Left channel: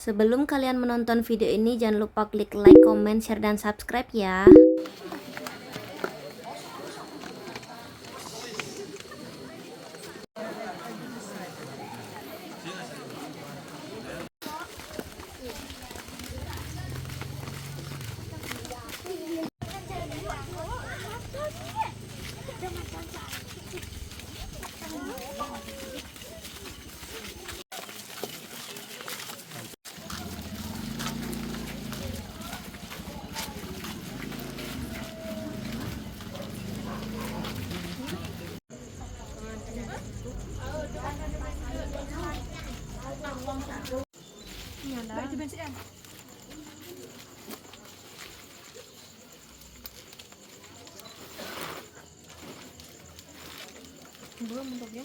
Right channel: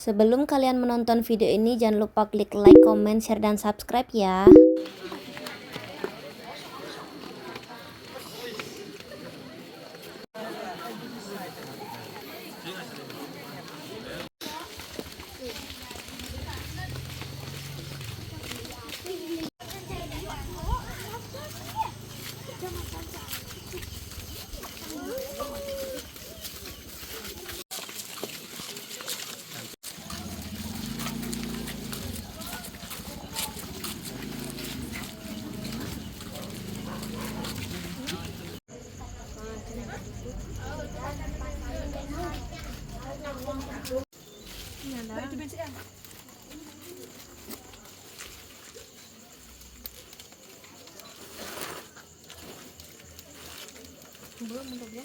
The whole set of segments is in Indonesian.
Sebelum kalian menonton video ini, jangan lupa klik like, comment, share, dan subscribe ya. Belum untuknya.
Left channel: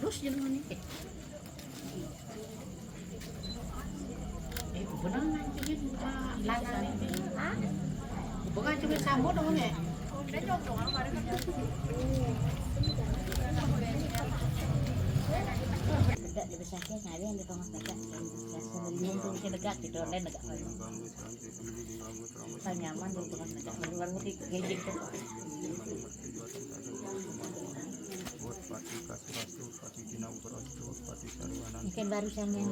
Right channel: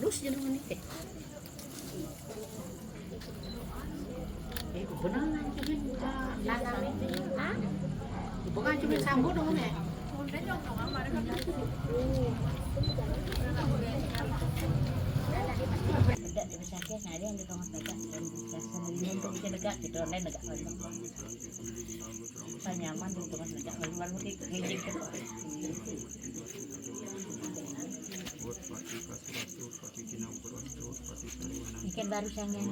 Terus jangan nih. Benar nanti lanang ini. Hah? Bukan cuma sambut dong ya. Tidak bisa dia nyari yang di tengah dekat dan sebelumnya untuk bikin dekat gitu dan dekat saya nyaman di tengah dekat luar mesti ngejek ikan baru saya yang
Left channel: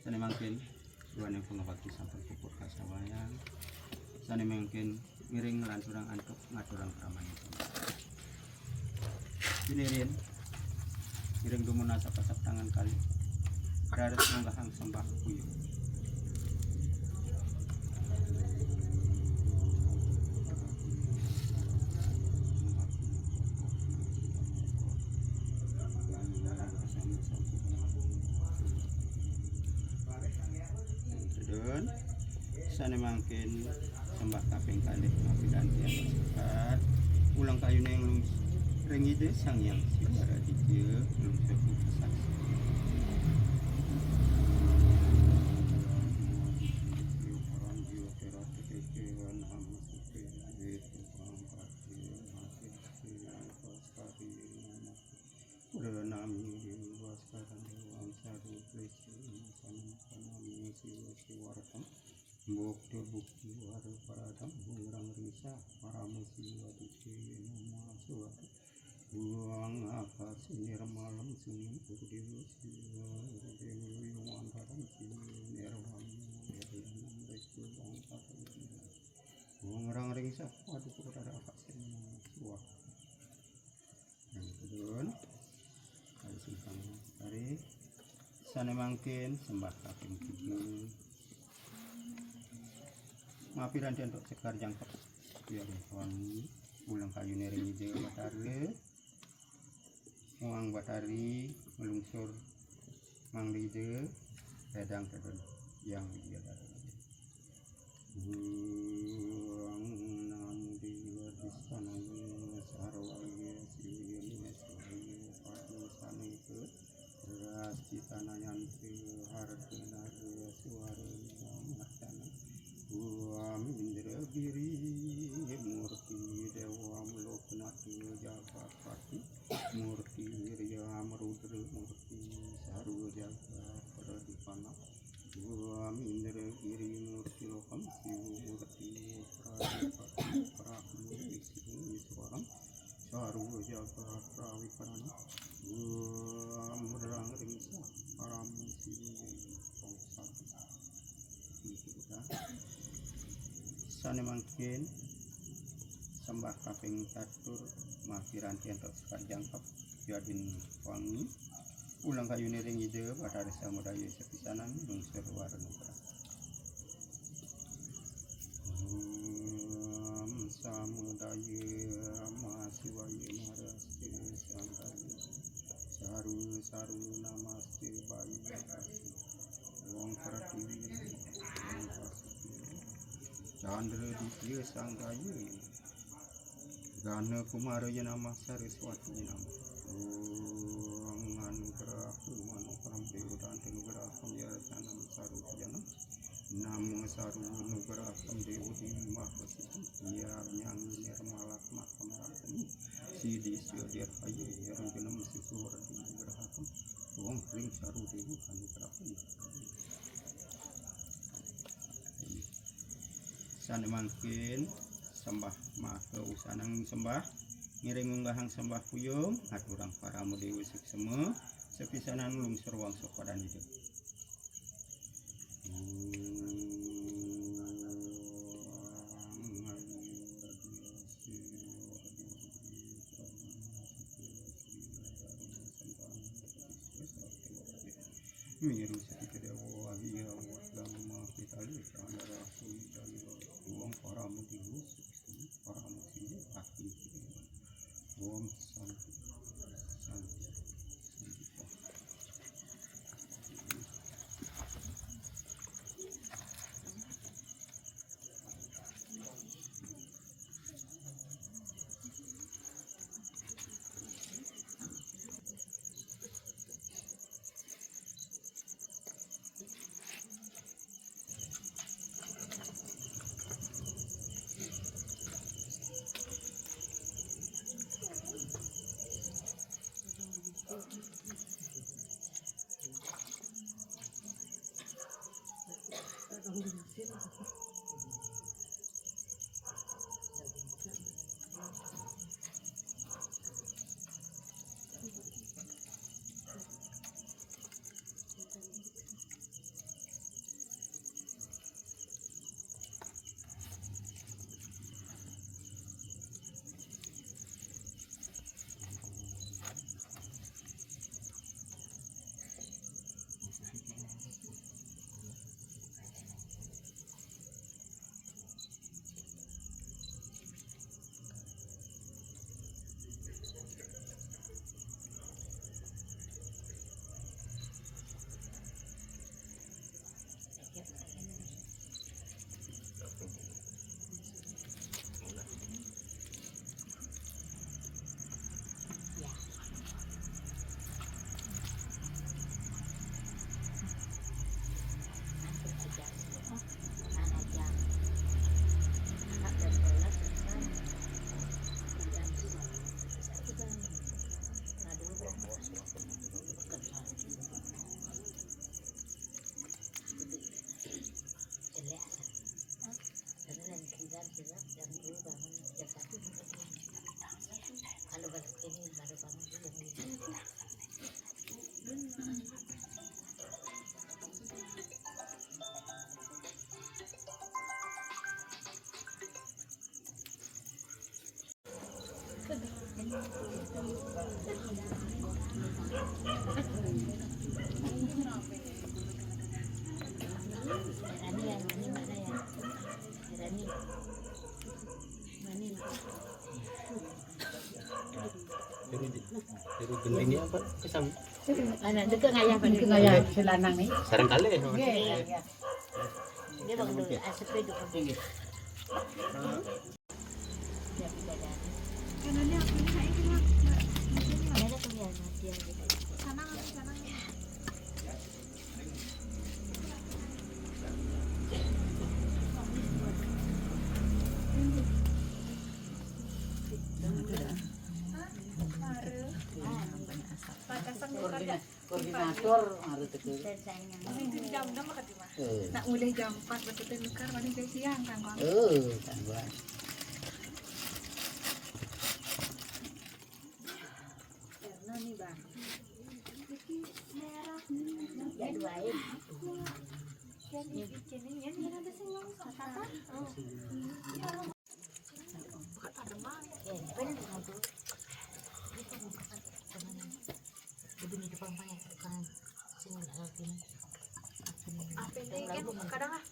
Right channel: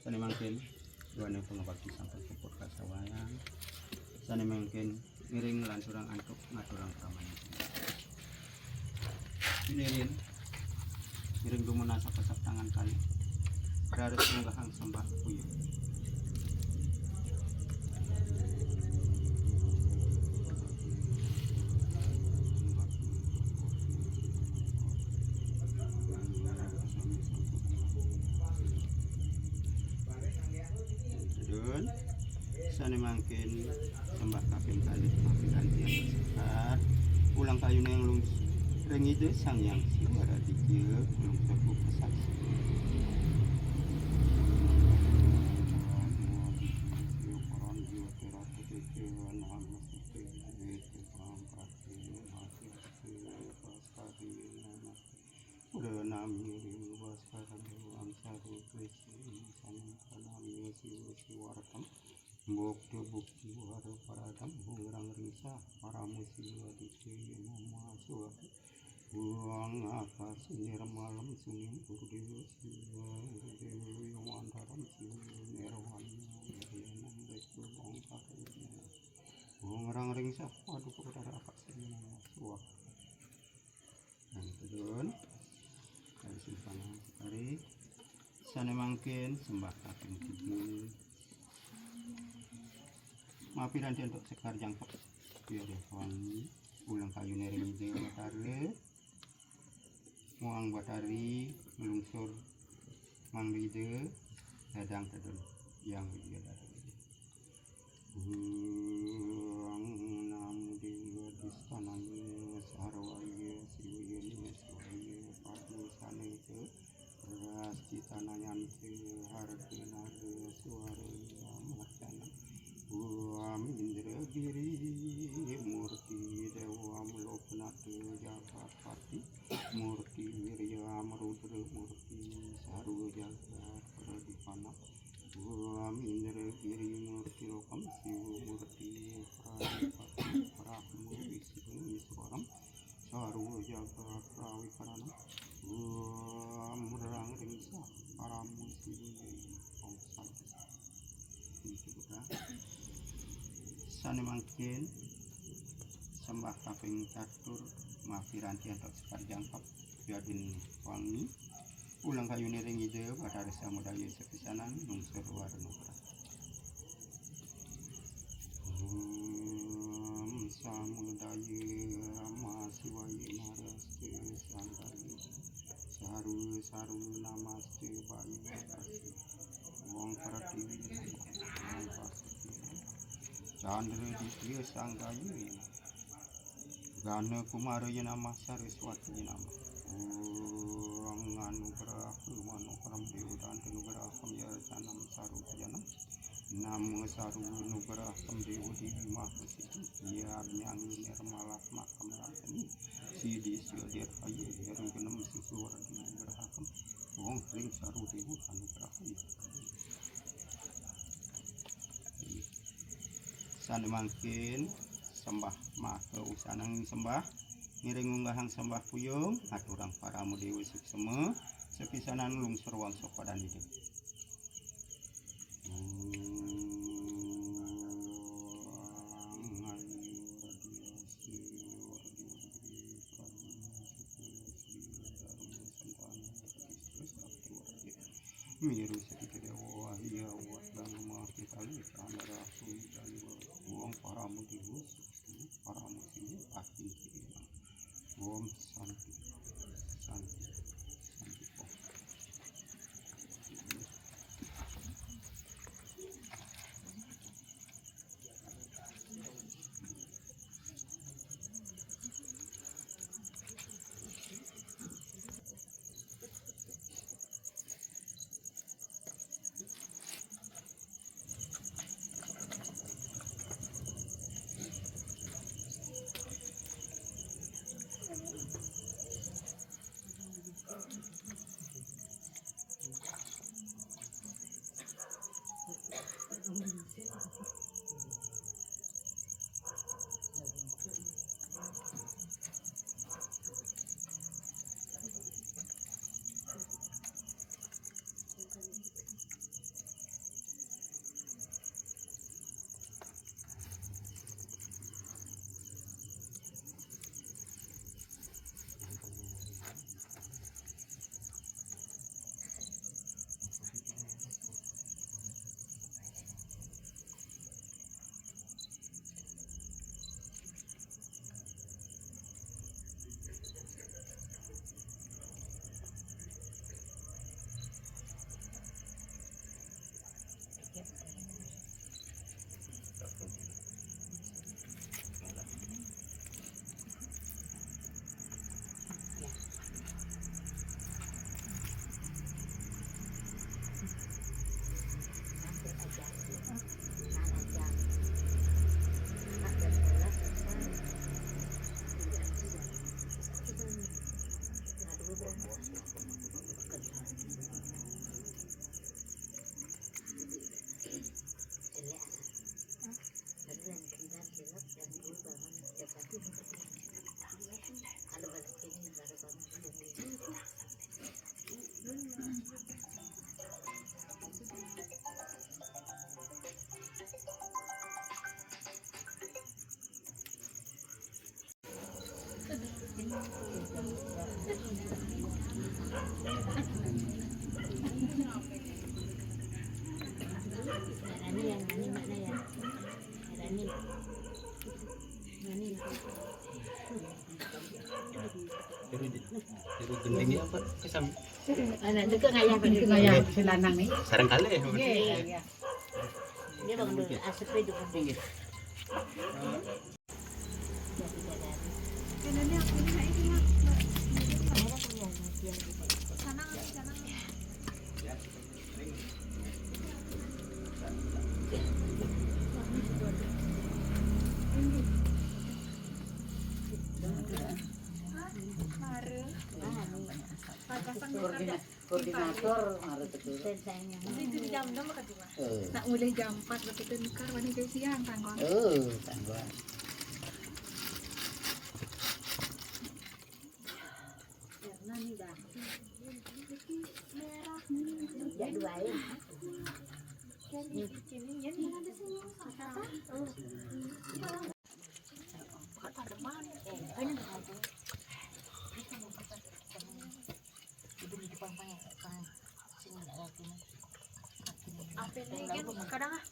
Sani mungkin dua nih pengabdi sampai puput kasawayan. Sani mungkin miring lan surang antuk ngaturang praman. Miring miring dumuna sapasap tangan kali. Harus menggahang sembah kuyu. Sani mungkin sembah kaping kalih mapidan tiang bersekat ulang kayu yang lung rengide sang yang siara dijeu lung sepuh kesat bukti waro paradam bungrang risa para musiwa dikiri nama suwa buang akar sinir malam sunim urdewa siwa dewi wandaram siwa nirwan nirwanam beku bongkar bungrang risa waduh kepada akar sinir nama suwa dan kedun dari simpang hari sana mungkin sembah kaping tidur mapiran dia untuk sekar jangkep biar wangi ulang kayu nering ide batare muang batari melungsur mang ide dadang kedun yang dia dadang buang namu dewa distananya sarwaya siwiyani siwaya padu saneng ke beras citananya ke harap menaga suara martana Buam Indra Giri Murti Dewa Loknata Jagat Pati Murti Wirya Marudra Murti Saru Jagat Pradipana Buam Indra Giri Murti Lokam Siwa Murti Pradipati Prahmu Wisnu Iswaram Saru Jagat Prawikarana Buam Rang Ringsa Paramu Siwa Pongsa Sani mungkin sembah kaping catur mafiranti untuk sekar jangkap jadin wangi ulang kayu nering ide pada rasa mudaya sepisanan lungsur warna samudaya masiwaya narasti sandali saru namaste bayu kasih wong pratiwi wong Chandra Ditya Sanggayu Gana Kumaraya Namah Saraswati Namah Om Anugerah Manokaram Dewa Anugerah Samyasanam Saru Janam Namo Saru Anugerah Dewa Dewi Mahasiti Ya Nyanyi Nirmala Makam Rantani Sidi Syadir Paye Heru Genam Sisuwar Anugeraham Om Ring Saru Dewa Anugerah Sani mungkin sembah maka usanang sembah ngiring unggahang sembah puyung aturang para mudewi suksema sepisanan lungsur wangsa padan hidup miru sedikit dewa hiya wadang mahkitali kamera sui dari uang para mudihu para mudihu akhir om santi santi santi Tiru gendingnya apa? Kesam. Anak deket ngayah kan ngayah selanang nih. Sarang kali. Iya. Dia bangun dulu asap itu kan. Koordinator harus betul. Jam-jam makan di mana? Nak mulai jam 4 betul nukar wani siang kan kon. Tangguh. Karena nih bang. Ya duain. Kadang ah.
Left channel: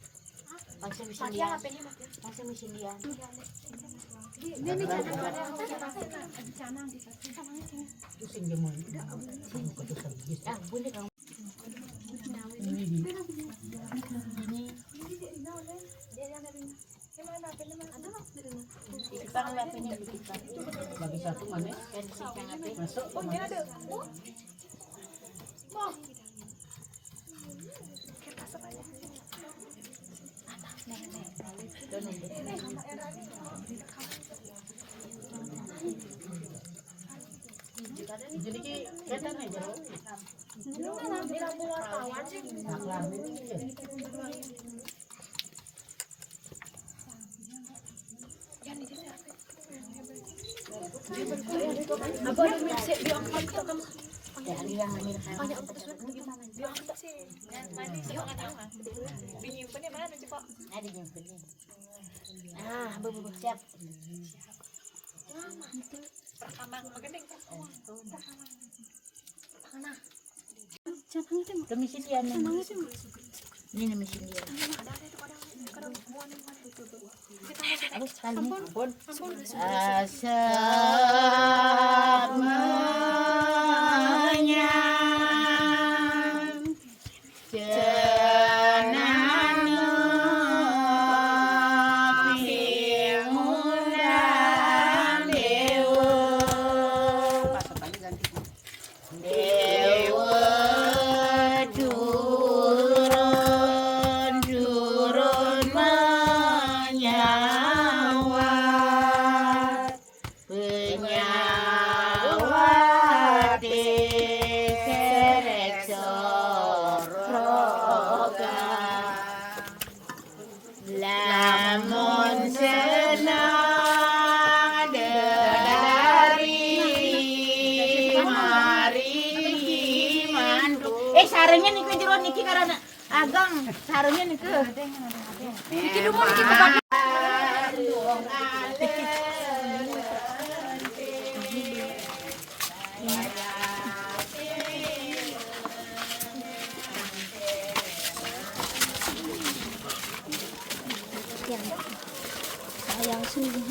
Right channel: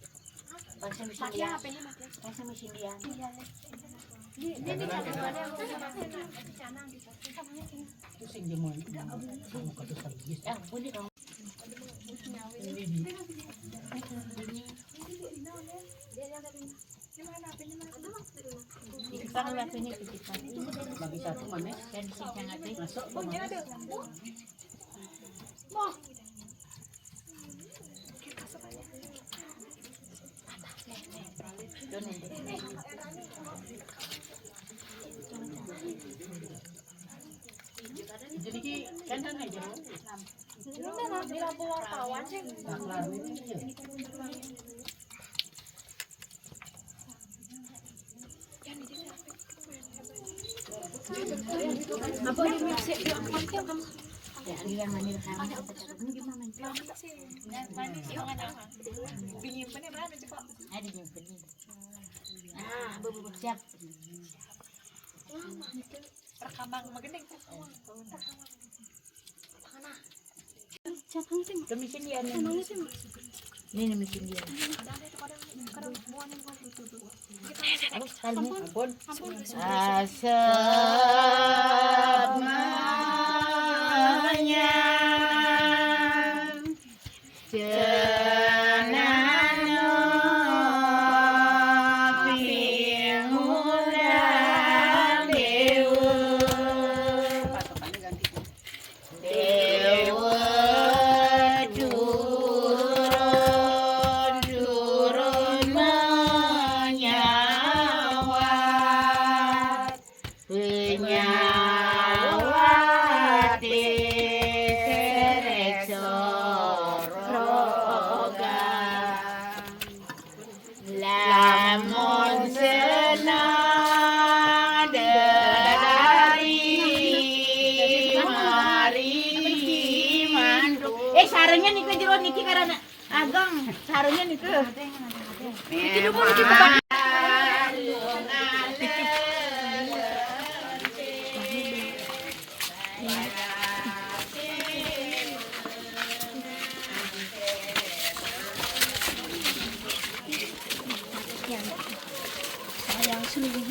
Pasien mesin dia. Pasien mesin dia. Ini ada Pusing jemur. Bunyi kamu. Titipan waktunya titipan. Bagi satu mana? Dan siang ada. Masuk. Oh, ini ada. Jadi ki kan aja. Ini lampu wartawan sih. Kelar ini ya. Apa ada mixer di angkat kamu? Ya, aliran hamil Ada apa gimana? Di angkat sih. Yuk ada. Penyimpannya mana sih, Pak? Ada yang penting. Bebu siap. Rekaman magandang. Itu mesin dia nih. Ini mesin dia. Aduh, sekali nih. Ampun. Asap menyam cenano pingundang dewa dewa turun menyawat penyawa lamun senang dari mari mandu. Sarengnya niku jero niki karena ageng sarengnya niku. Iki dulu niki bukan. Yang sering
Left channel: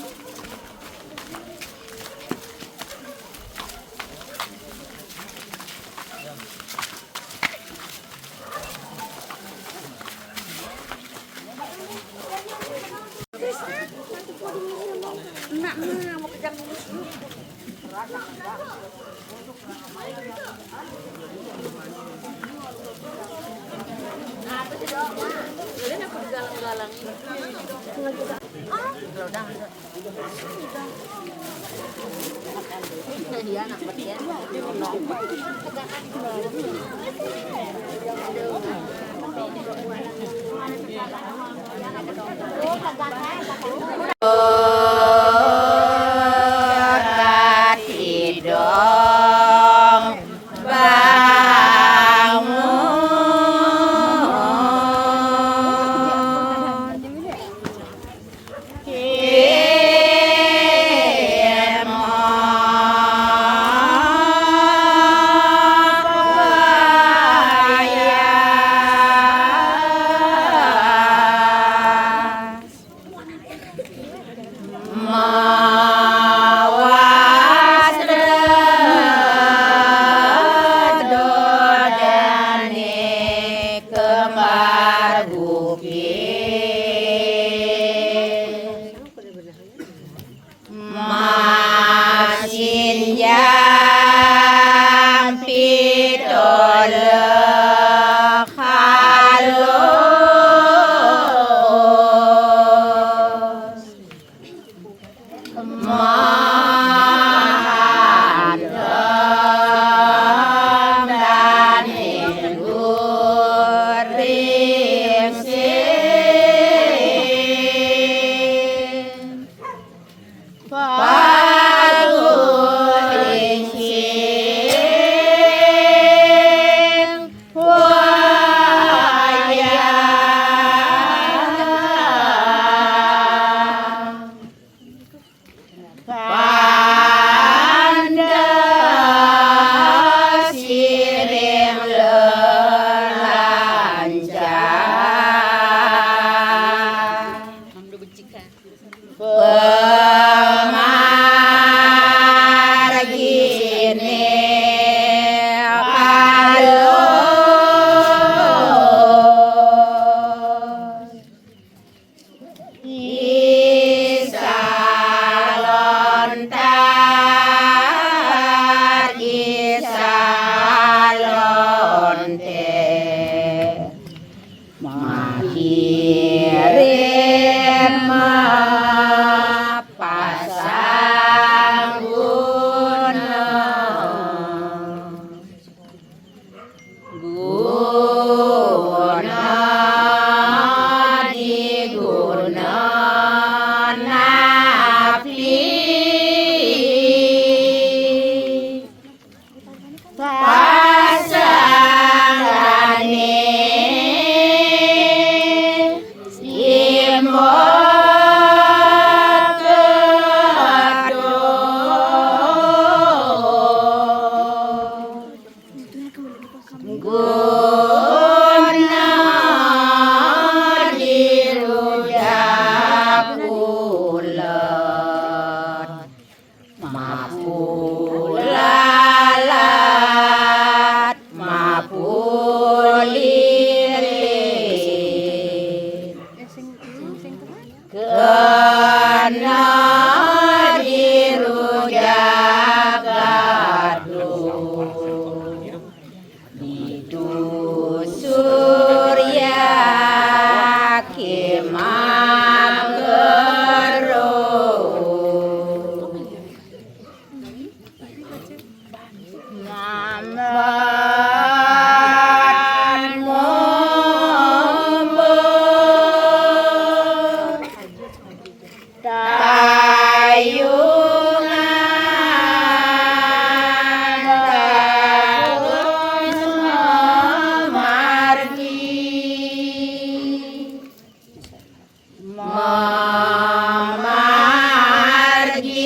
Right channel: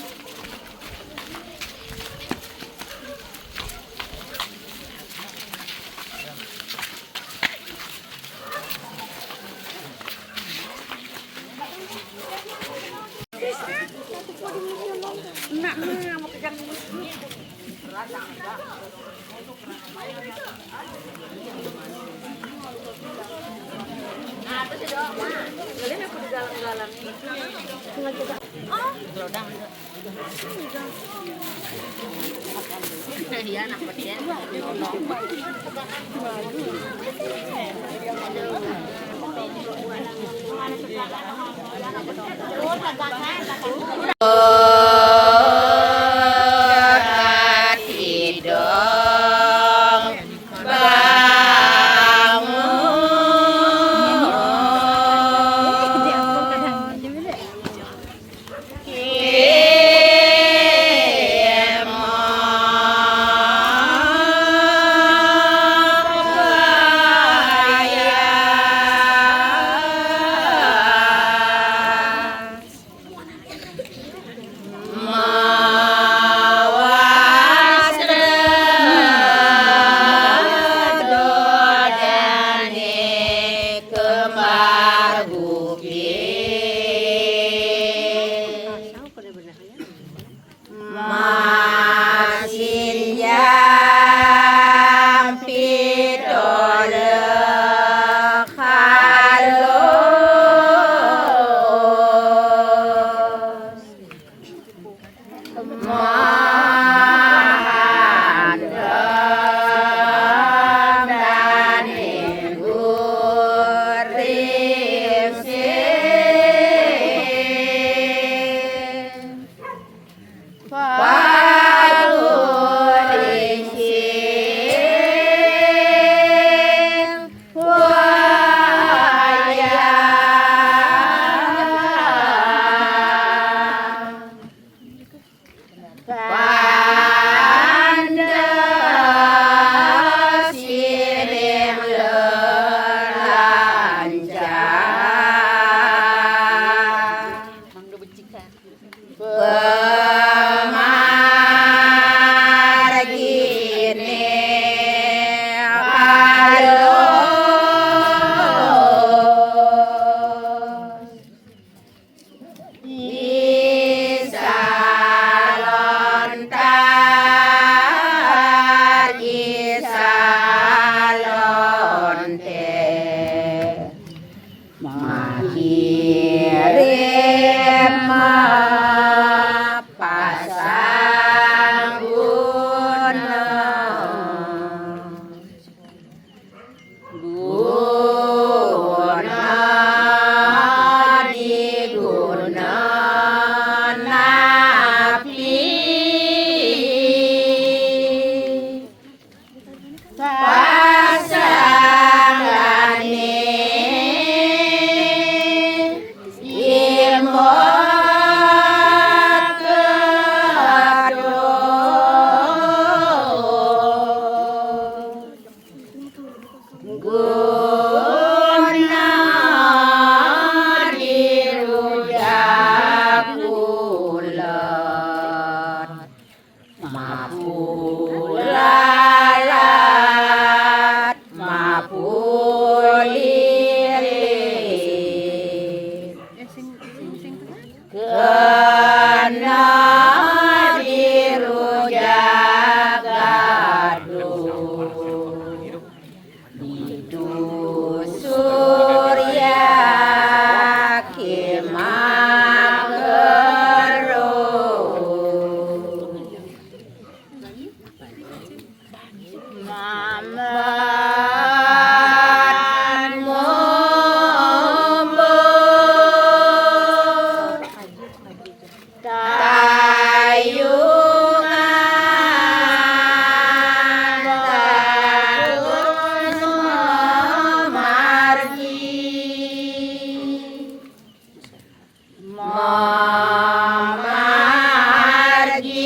Mamargi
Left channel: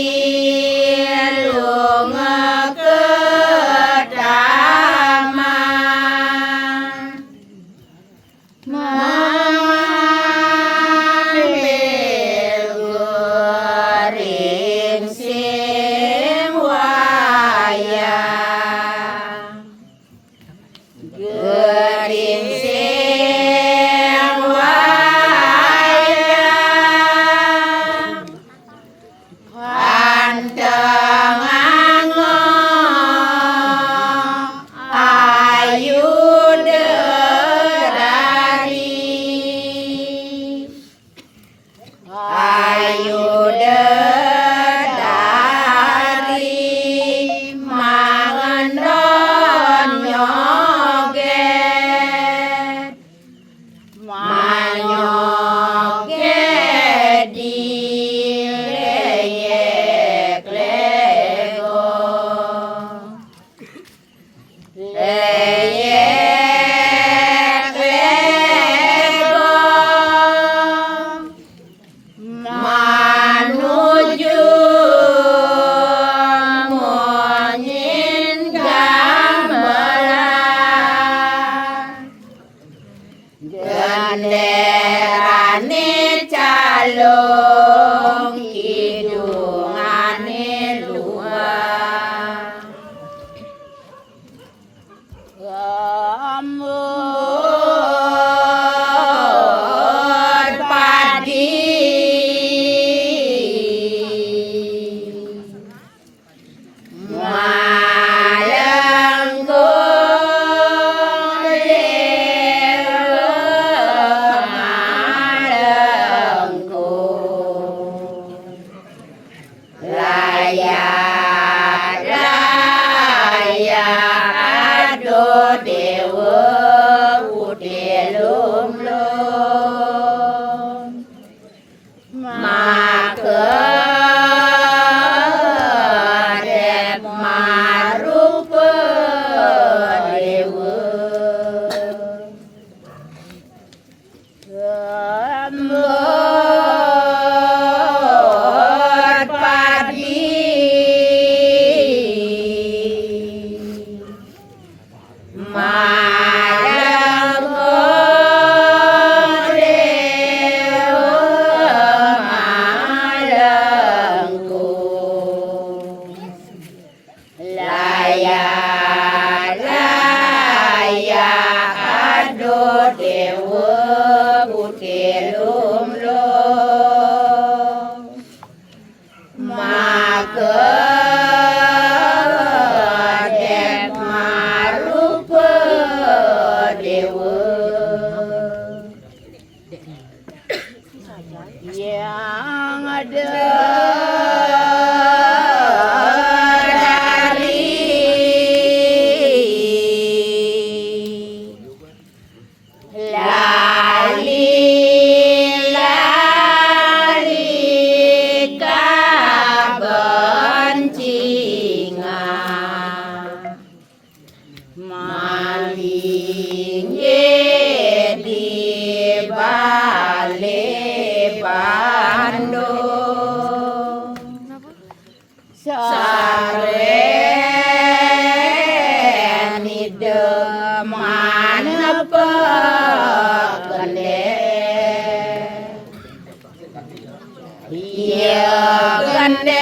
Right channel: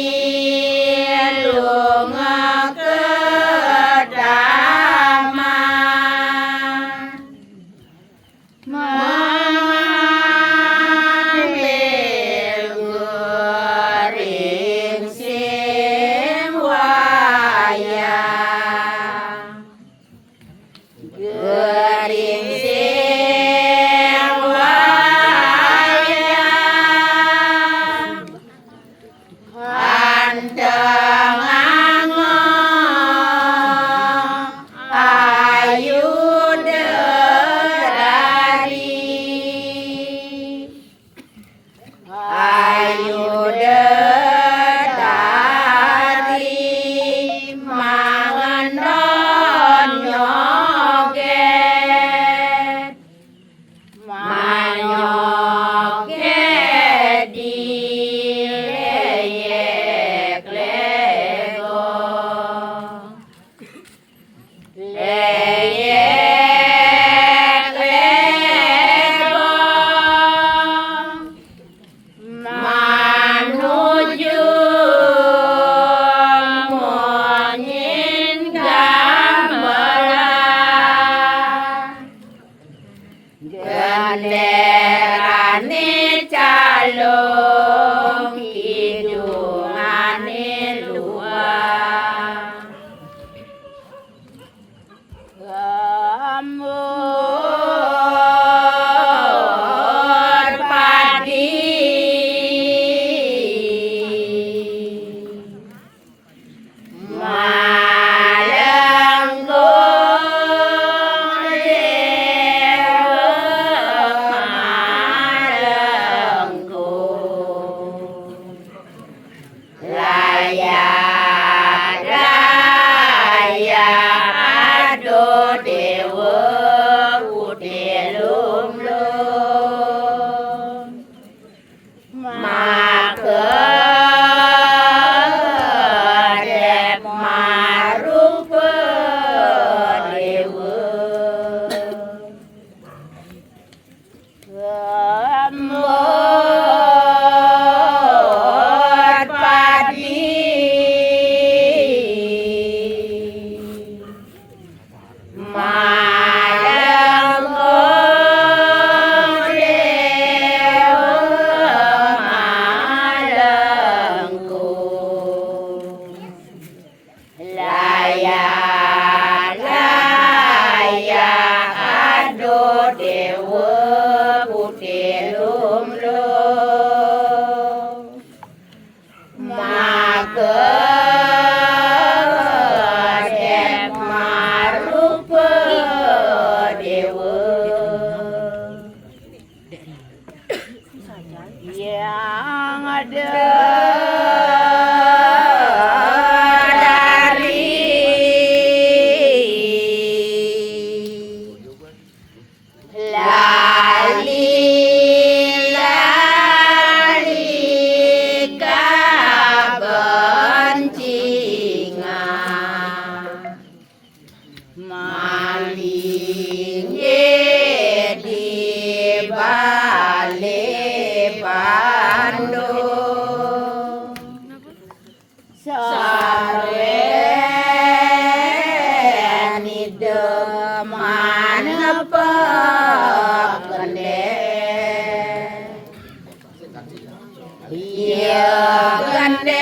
lunga kedaman mamambil guring sing wayang guring sing wayang kanteng ayu derari mangan nyoget manyoget di leyek lego leyek lego manuju monyin gamelan genderane calung hidungane luar gamur padi malenggung dewa malenggung layak layak ado dewa udelum lum makedep marupa dewa gambar padi malenggung dewa malenggung layak layak ado dewa putih lumlum makedep marupa dewa yang ada dari lali lali kabencingan maling di balik Bandung saren ideman pegende iya gender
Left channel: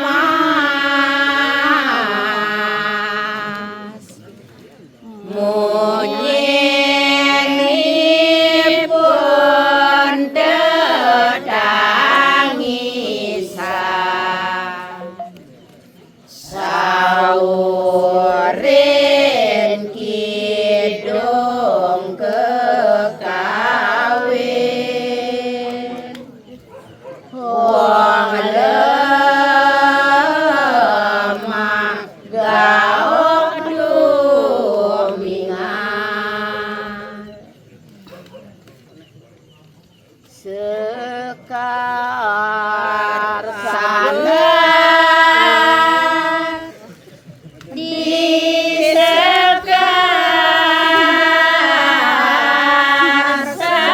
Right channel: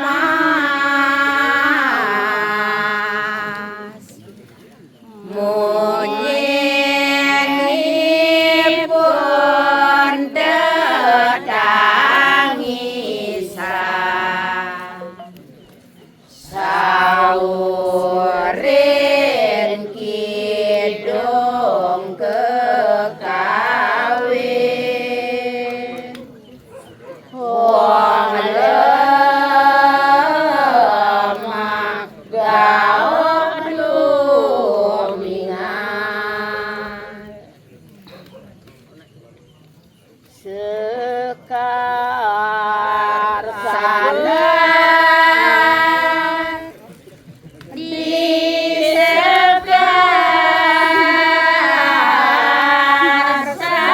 mas munyinipun tetangisan saurin kidung kekawin wong lemah gaot lumingan sekar sana di sekar sana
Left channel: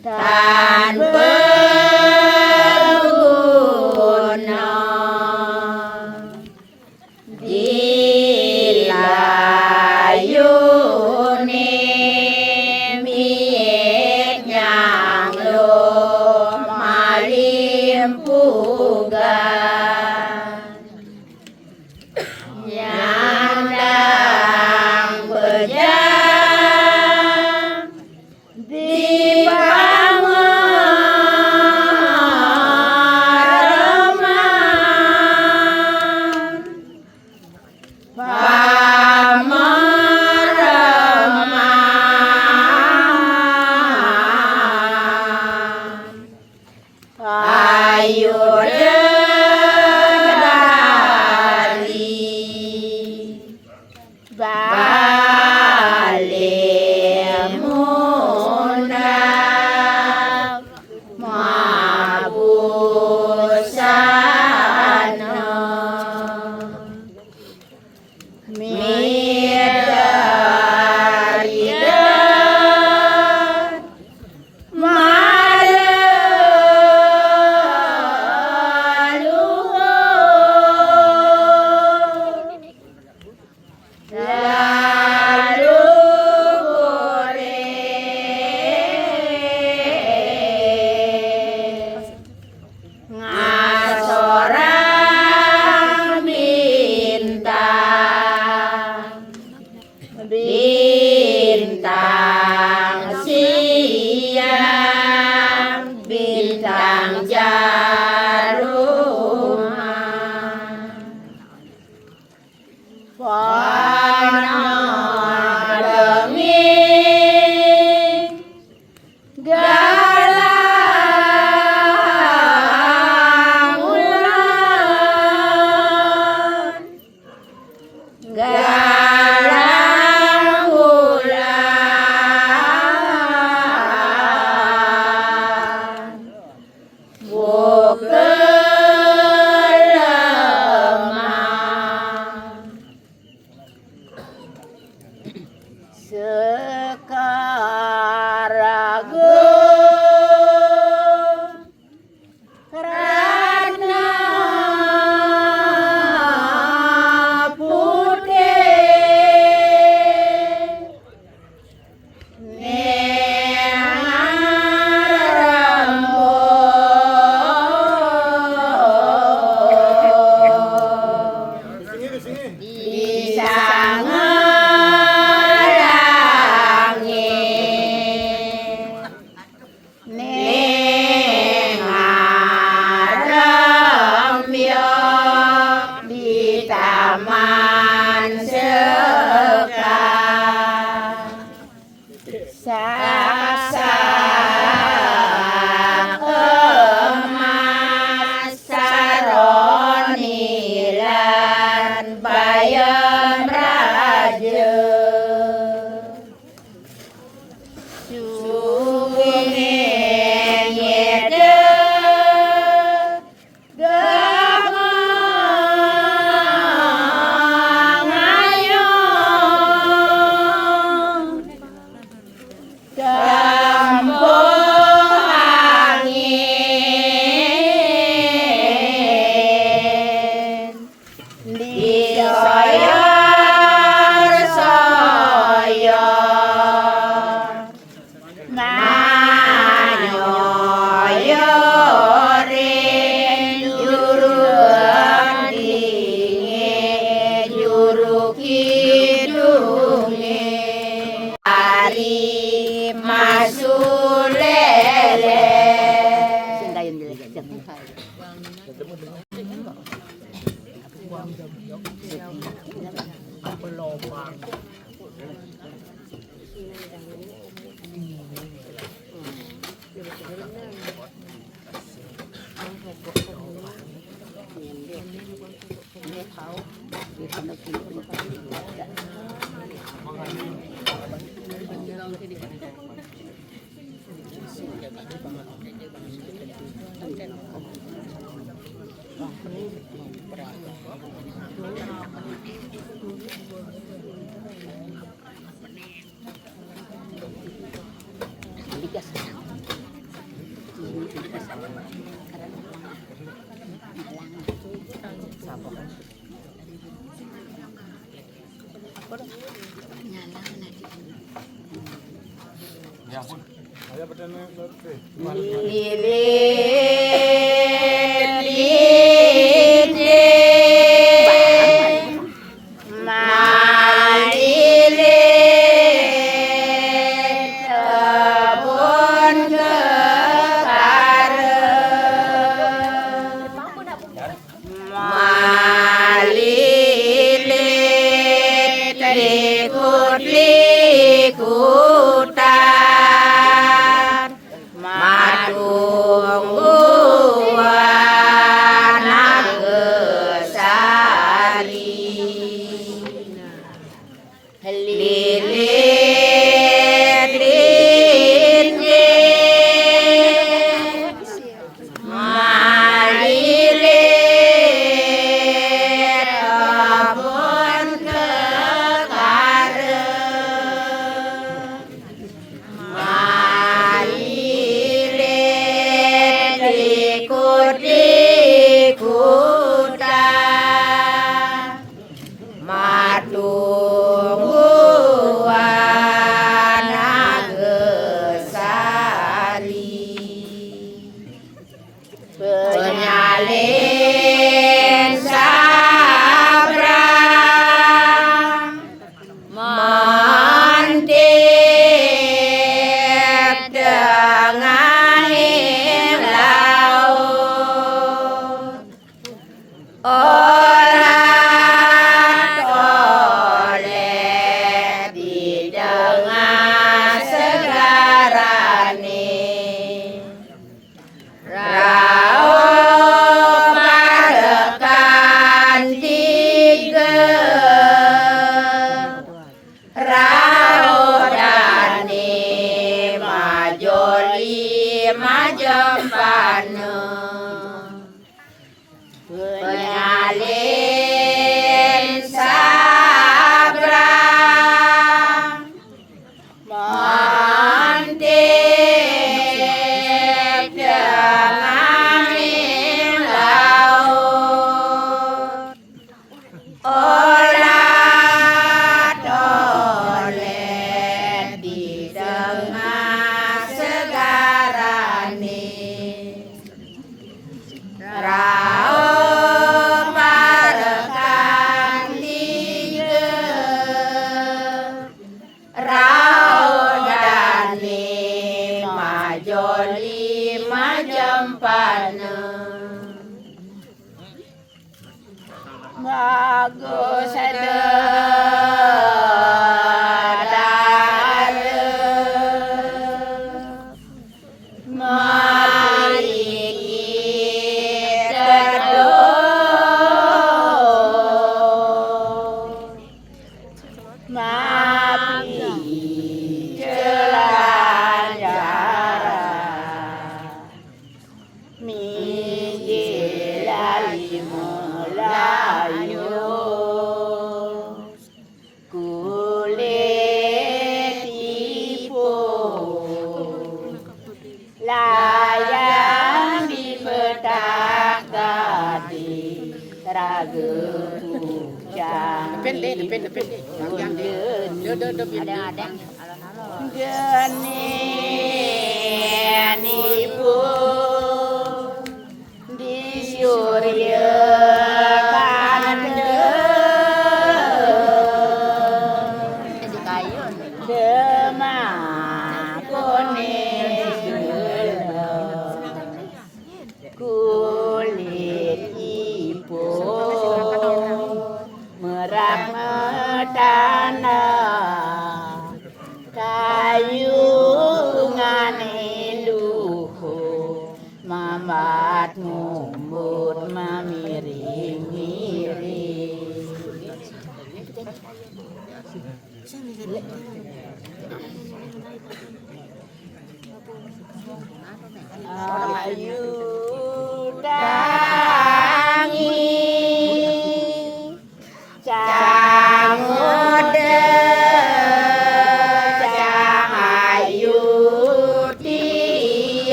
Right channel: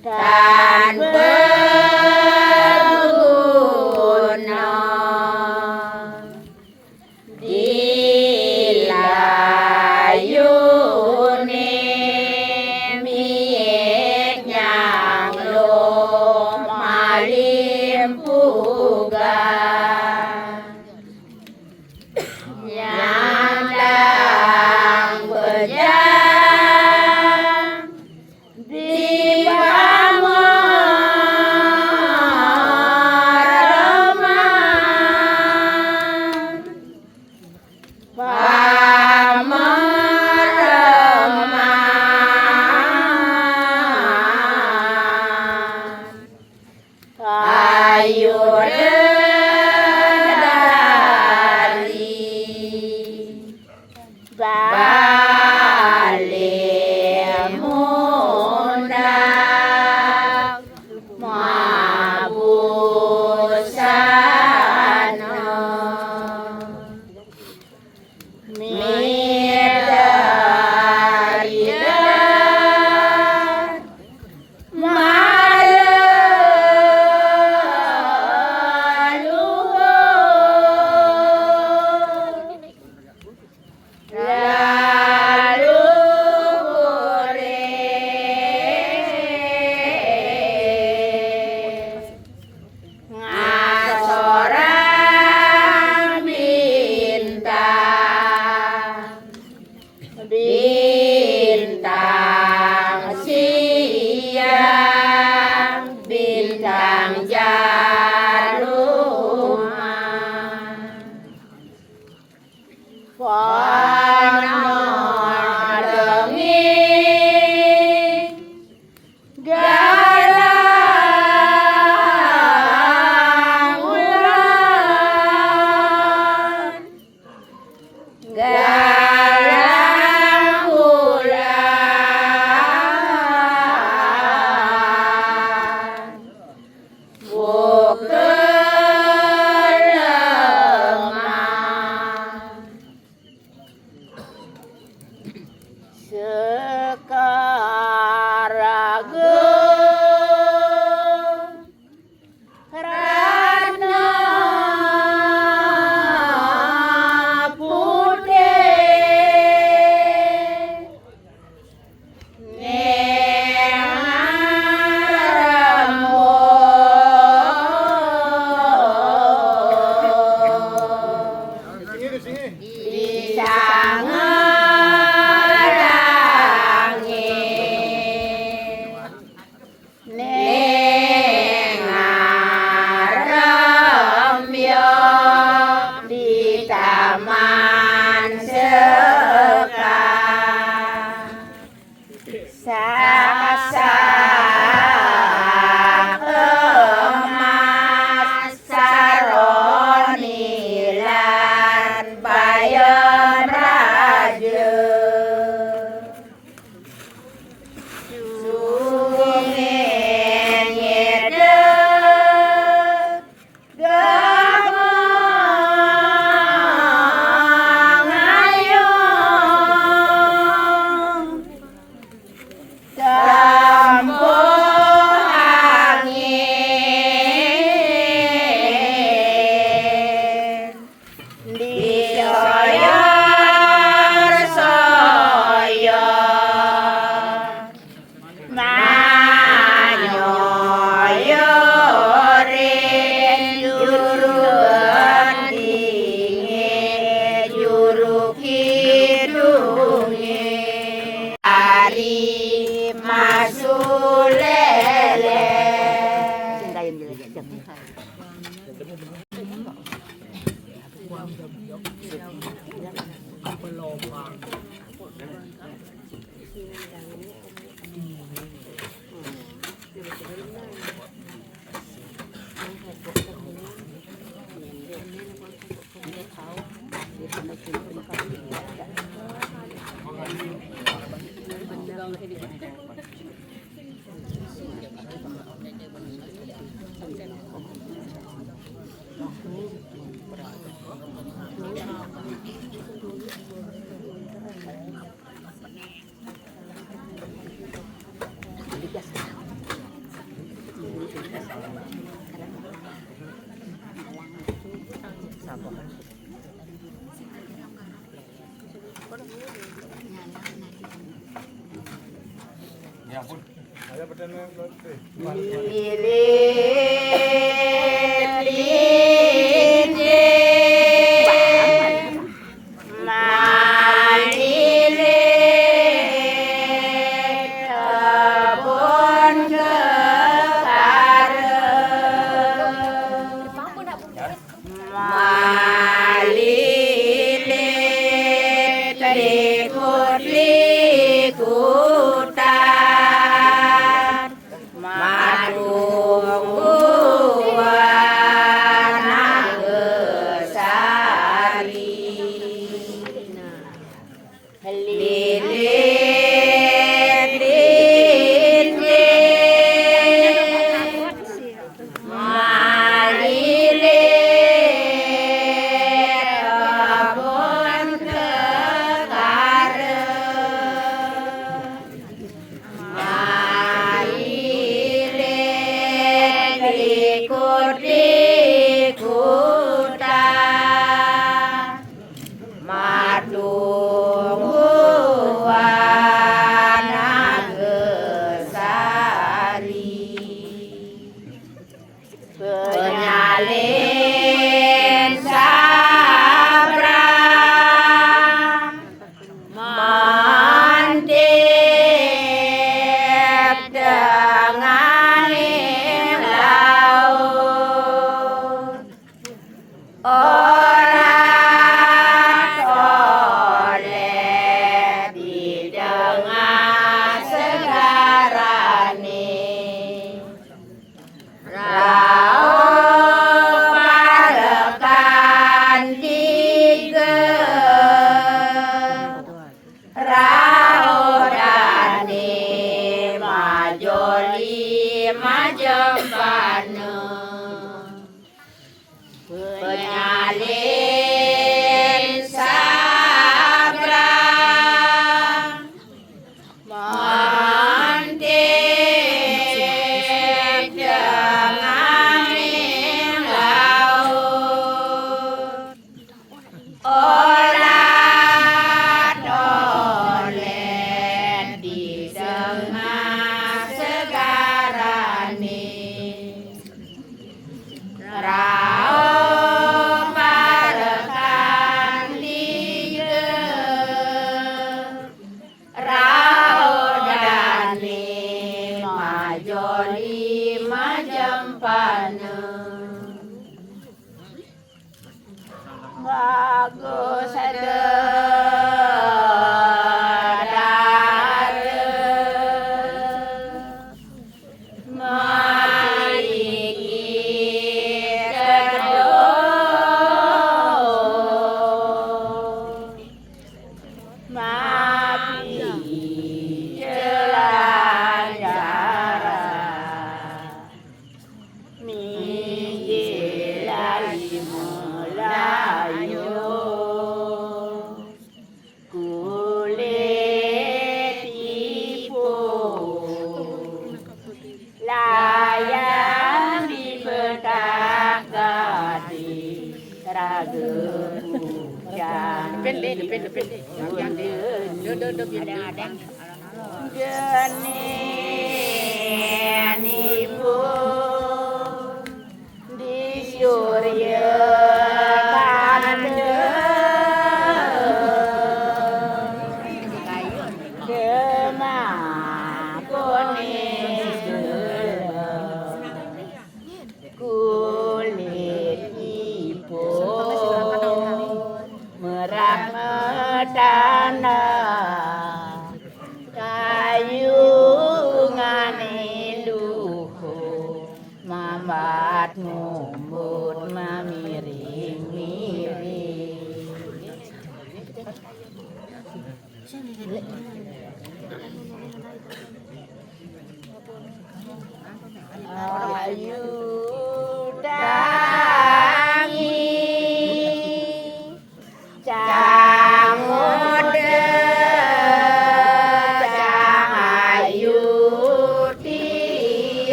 dan berguna dilayuni miet nyang lum malimpugan nyandang bejang ayo dari balik mundak mabusana midaridan ngasorang bintang siang bintang jaruman warna denging galang ulan galang ulan bukelemah sekaragung rana putih di taman sekar sasak emas saroni lan bayon raja sungeng nyede gamang ayong Campur angin disoyor-soyor nganyoyorin juru dingin juru kidungin hari masulele Ya ampun.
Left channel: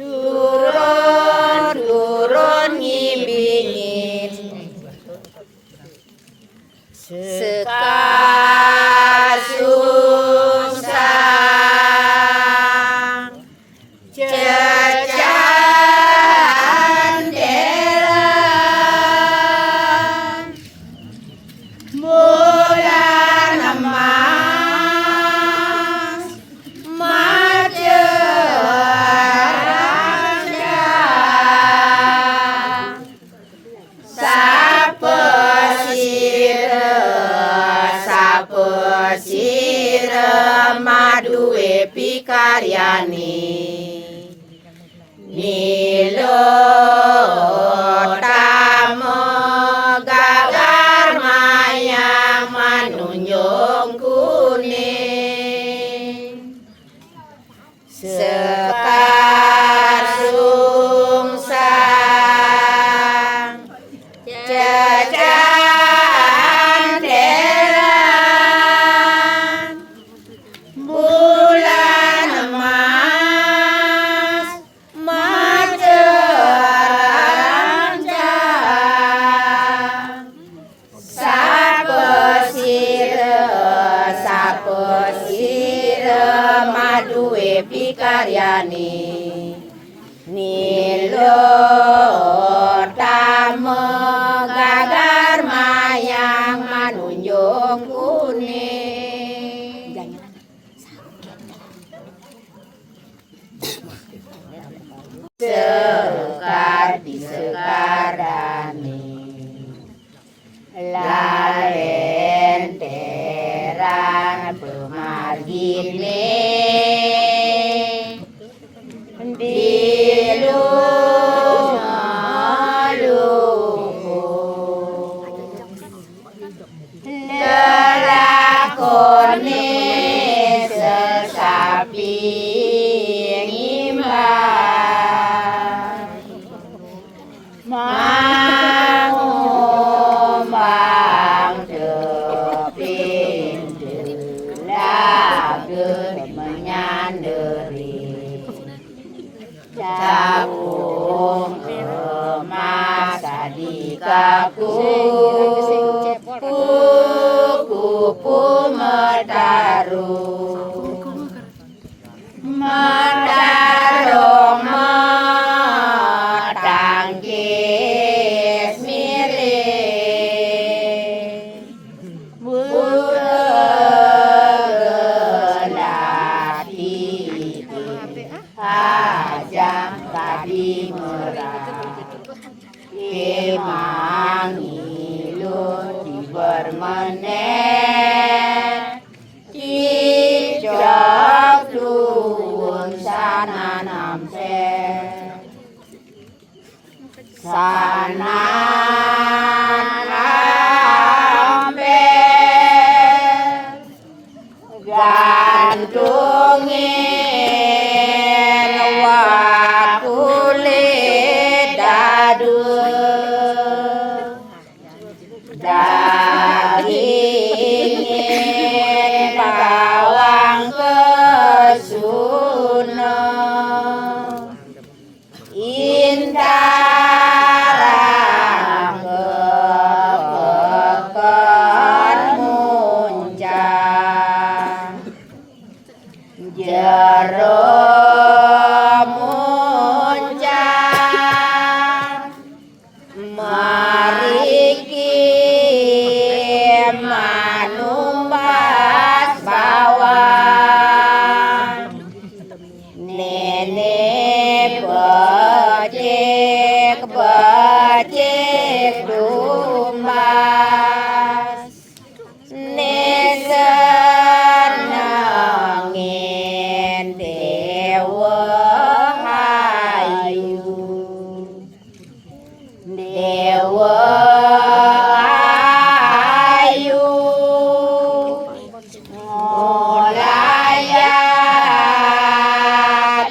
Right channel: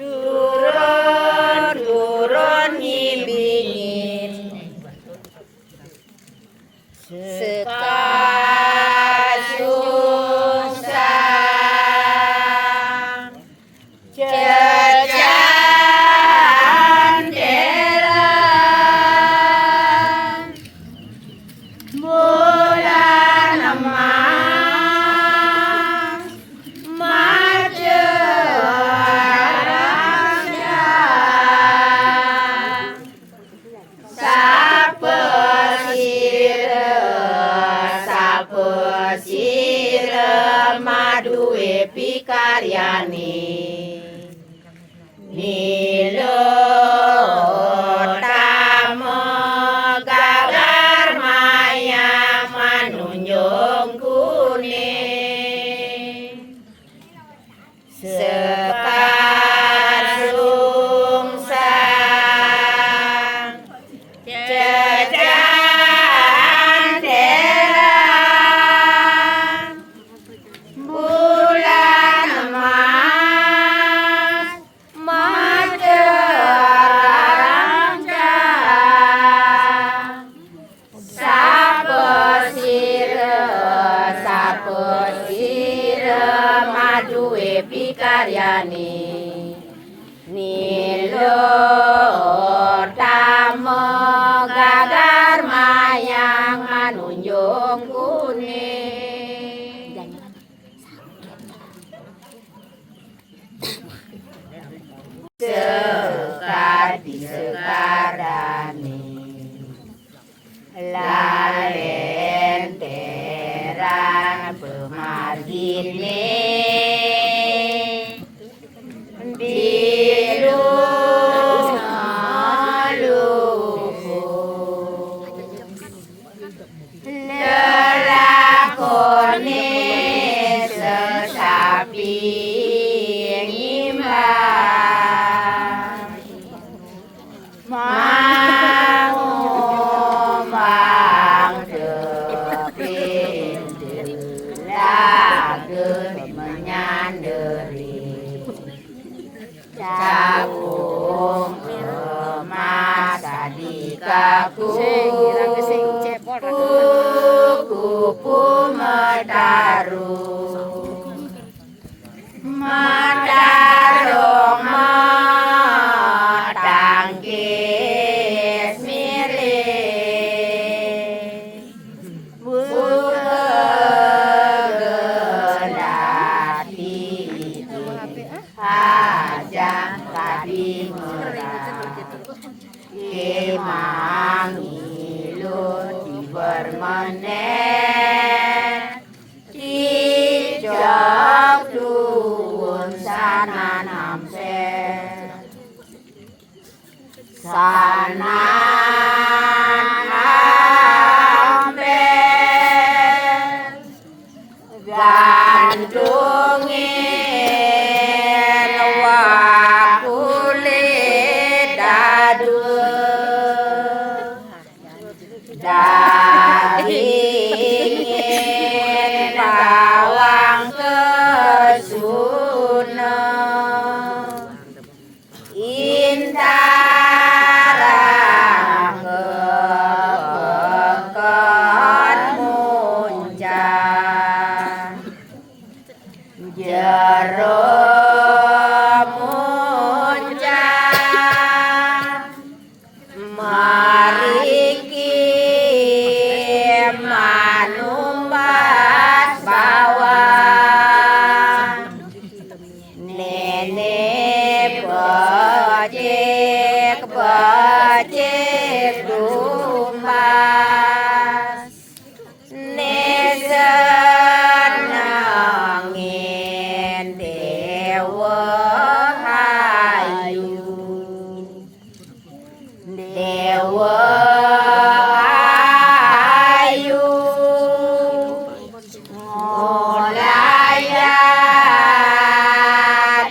turun ngimbi-ngimbi sekasungsang cecandelan bulan emas macerahnya sapesire madue pikaryani nilo tamo gagar mayang manunjung kuning sekar sungsang cecandelan bulan emas macerahnya sapesire madue pikaryani nilo tamo gagar mayang manunjung kuning sekar disekardani lalenteran pemargine lelakone sesapi ngimbang mangumbang tepin lagen menyanderi cakung kemasa di kaku kupu medaru medarong metangkis miring bugelati aja tadi merah kemang ilut dibermenet cicak tuun sana nampe sana nampe gantungin wakulit dadu dagingin bawang kesuna intarang kepekan muncang jero muncang mariki manumbat bawang nenek becek dumbas nesenangin dewa hayu dewa ayu ngolayak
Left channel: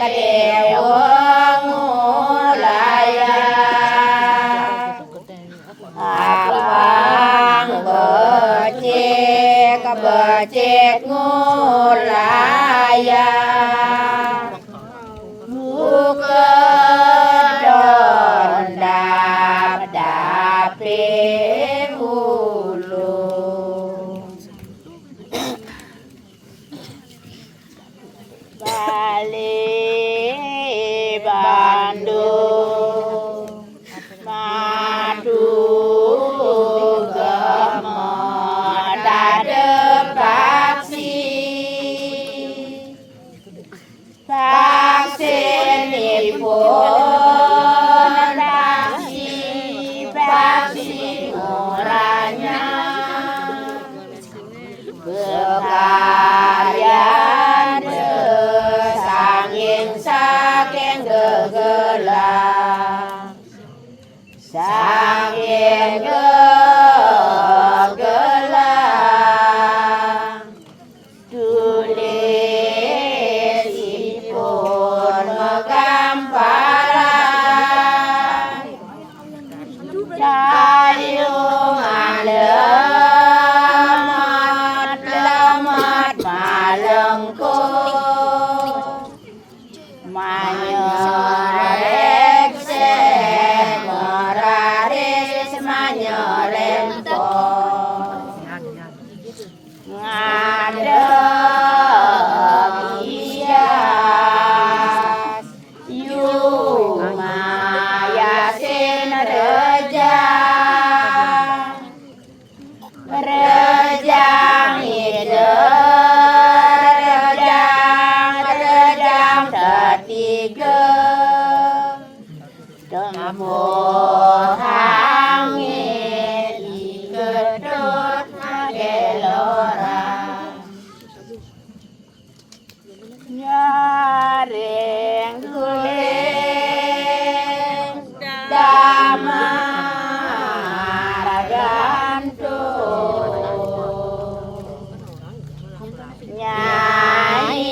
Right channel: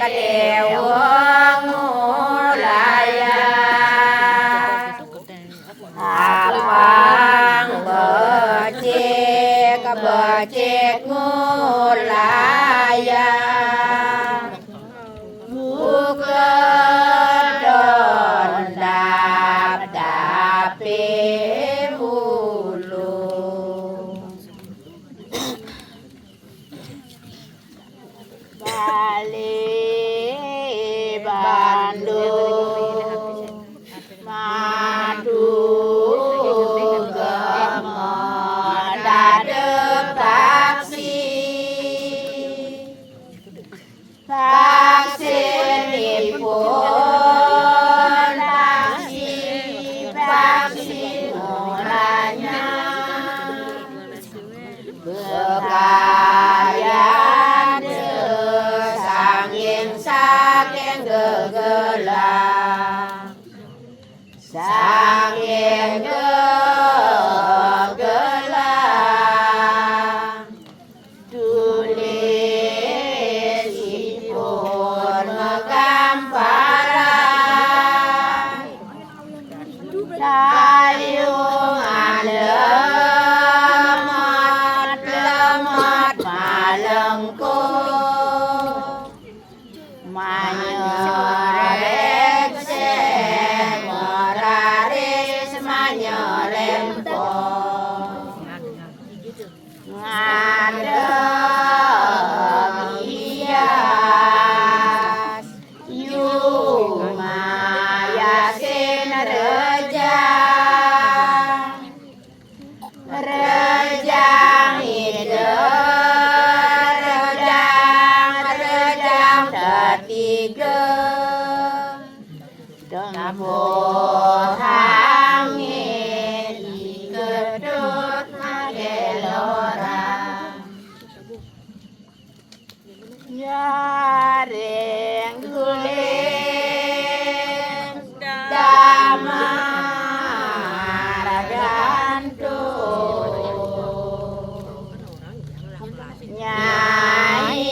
Manyolek semeraris manyolento ngadeg hias yuma yasin rejang hidup rejang ketiga Dambuh hangit kedut magelora Nyaring guling damar gantung Nyai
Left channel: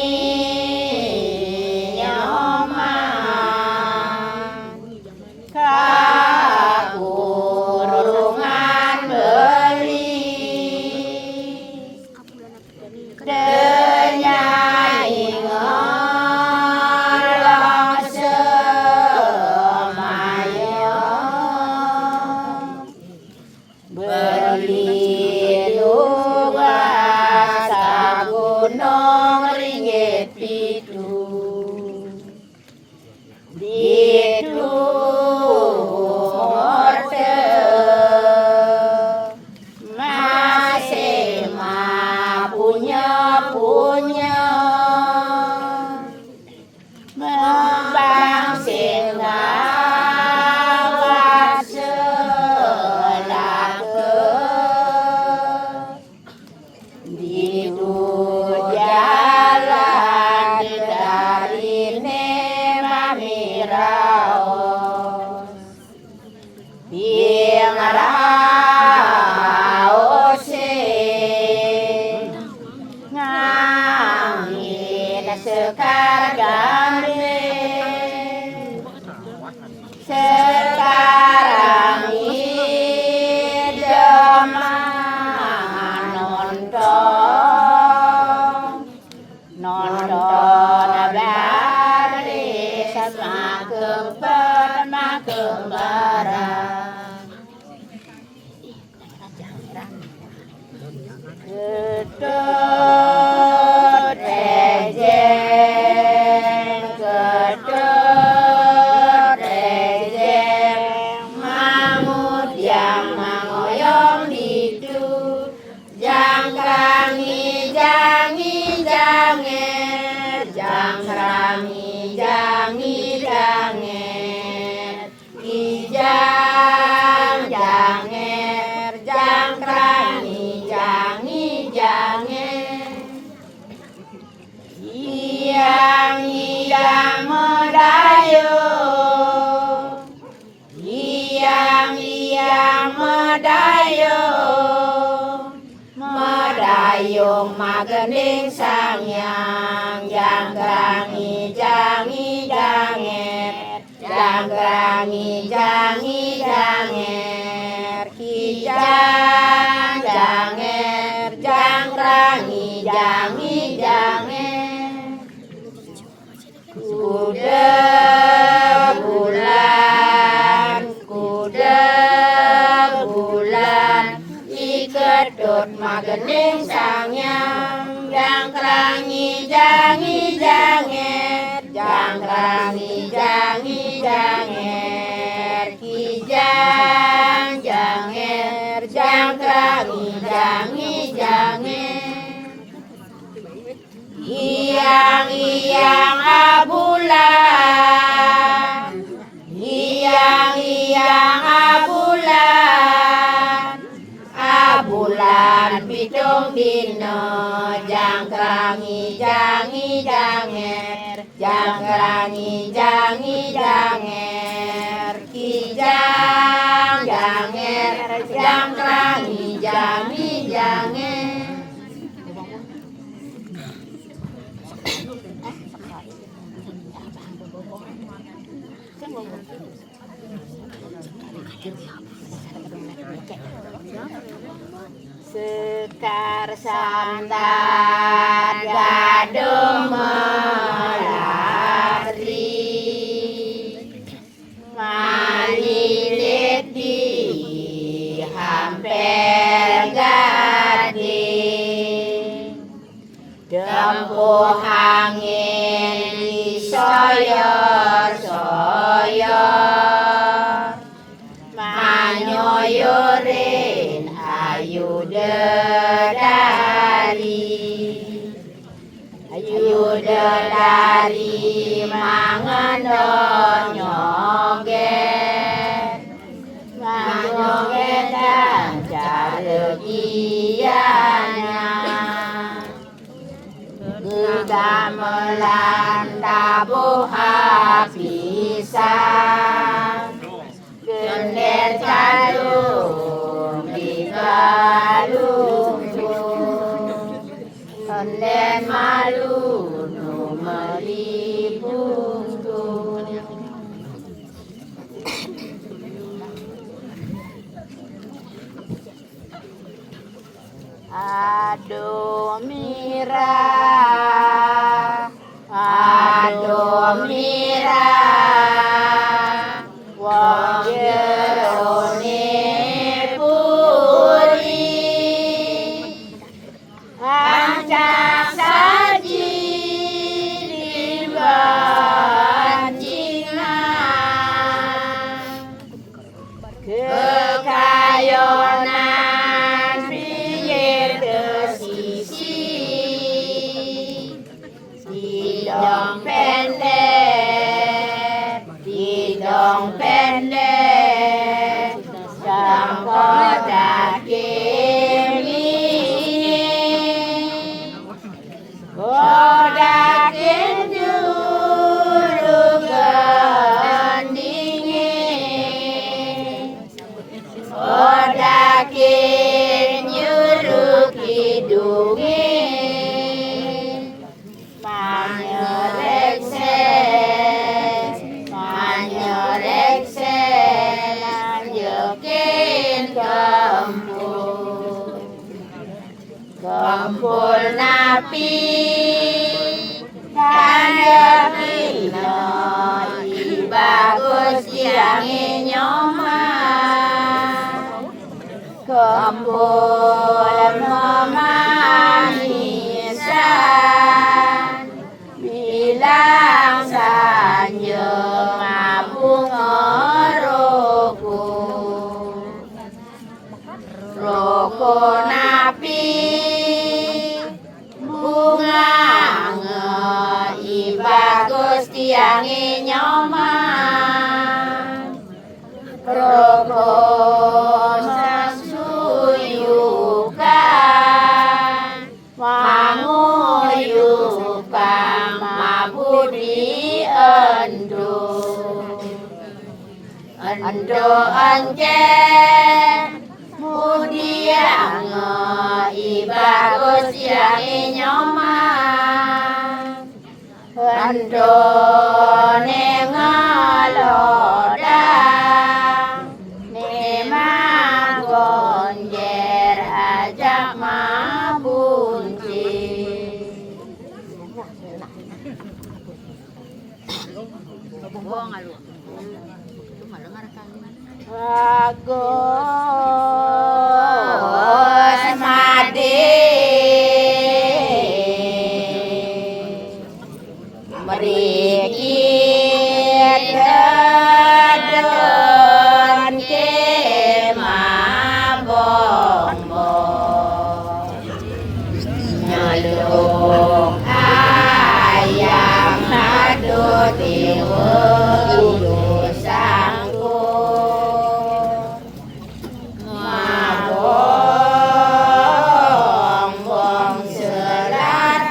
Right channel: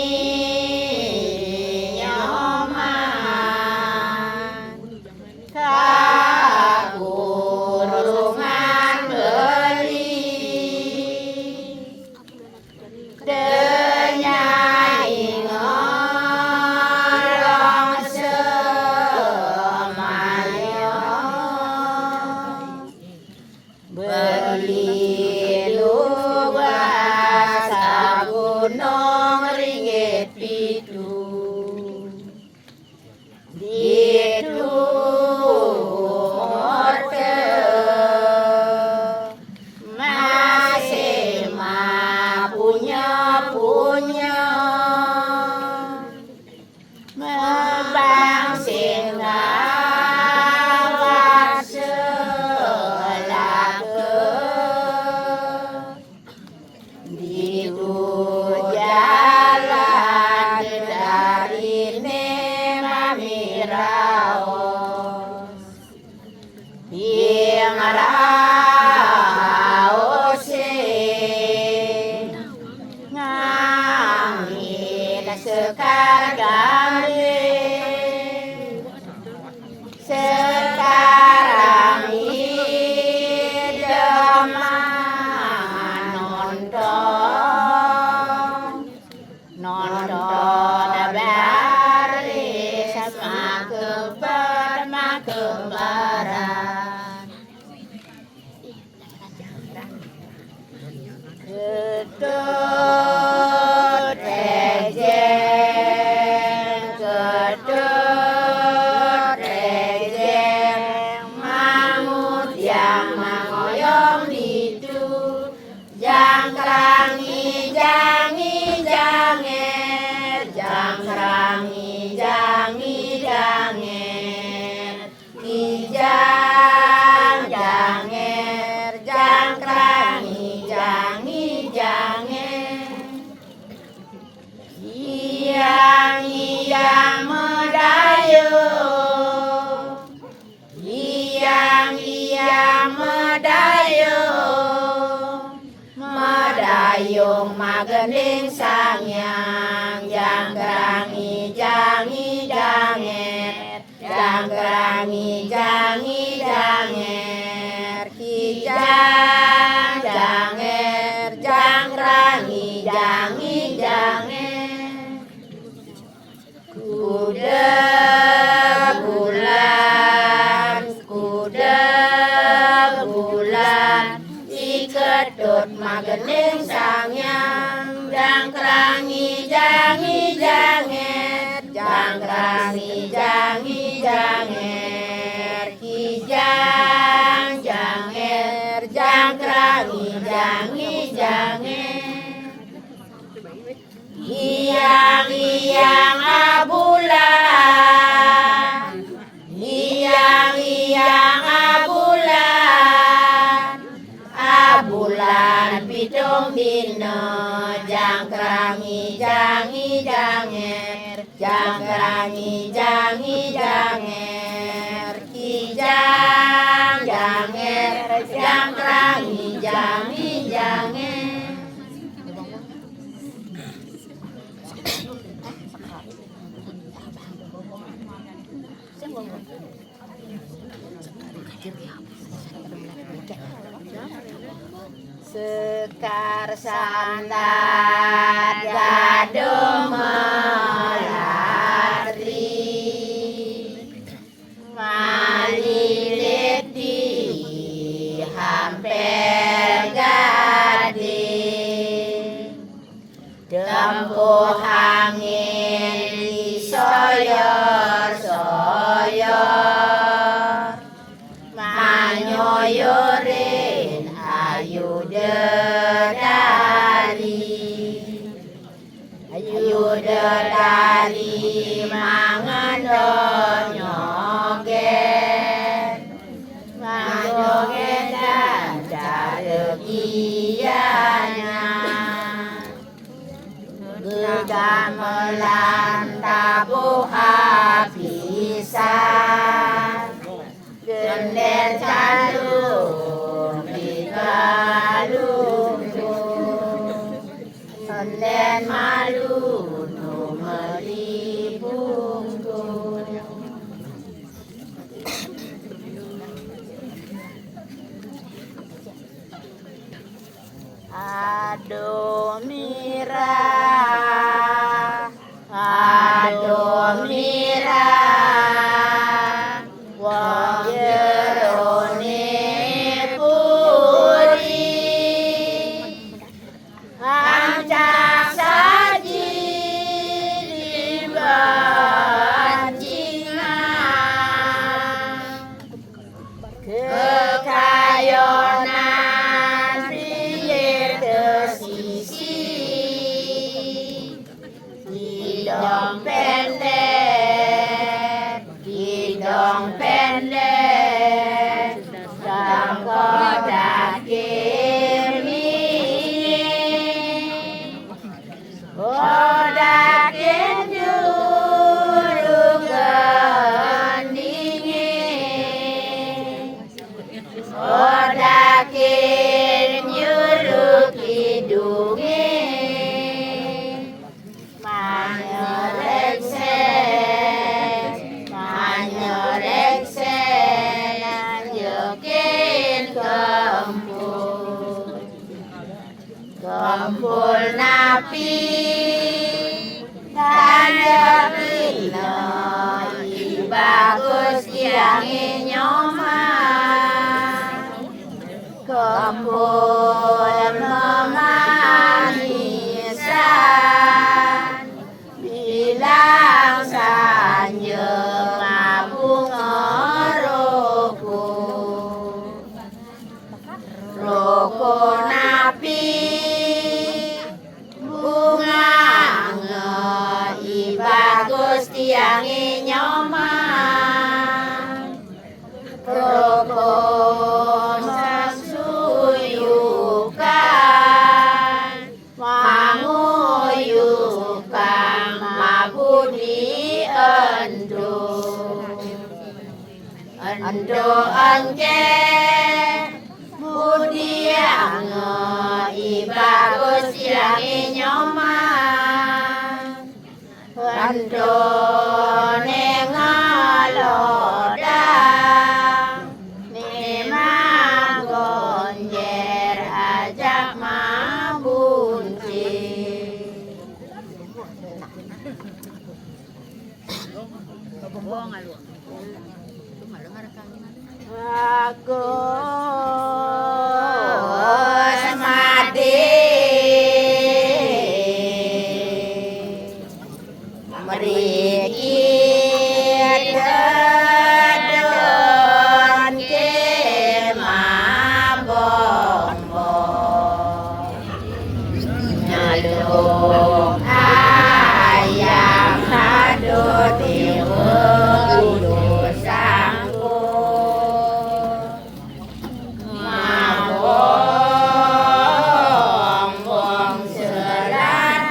nyoman kakurungan geli denyai ngerong semayang berlindung asa gunung ringgit pitu Ditu morte masih punya membang singawat selaka Ditu jalan dari Nemamiraos Raos ngangin sekar gandeng sekarang idaman nonton baris makem barang Ketut rejeng mangut yang mangoyong ditu jangkrangi janger jangkrangi janger kijang janger jangkrangi janger Iyang medayung Iyang medayung magending sangyang jangkrangi janger jangkrangi janger kijang janger jangkrangi janger kuda bulan ikedut magending sangyang jangkrangi janger jangkrangi janger kijang janger jangkrangi janger Iyang abulan Iyang abulan pitung dina jangkrangi janger jangkrangi janger kijang janger jangkrangi janger Sekar sandar gaduh melatri mangan donyoget manjoget dan caregianya gamelan tabuh habisan gender calung di galung sonden malu nu melibungku aduh mira wong jerone puri ancak saji dibancingan kekayonan pinggir kesisi hidung pendek sangka daging daging juru gendingin daging nyuru kidungin manyoreksen jokin kempul napi kanjekilno bagus kirangi nyoman kempul memanisan bilang sanjung abung roko napi bunga bagus tiangi nyoman roko sasuyukan manguyukan mabudi endo anjen budiang bagus tiangi nyoman endo nengalodang neman gonjer ajak mabunci Agus mati mriki dadon kemah bombo nyalung ayang adut iwung sangku ngabong wong serat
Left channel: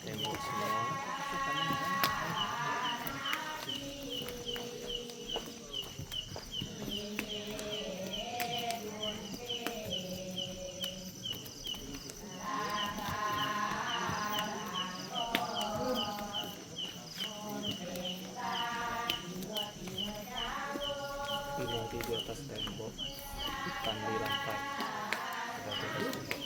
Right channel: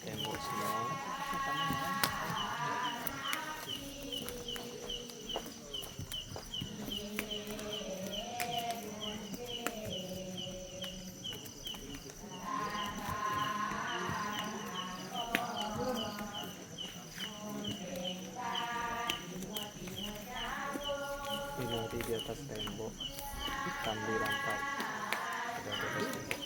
Tembok semua. Ini di atas tembok, ikan di lantai. Ada di atas tembok.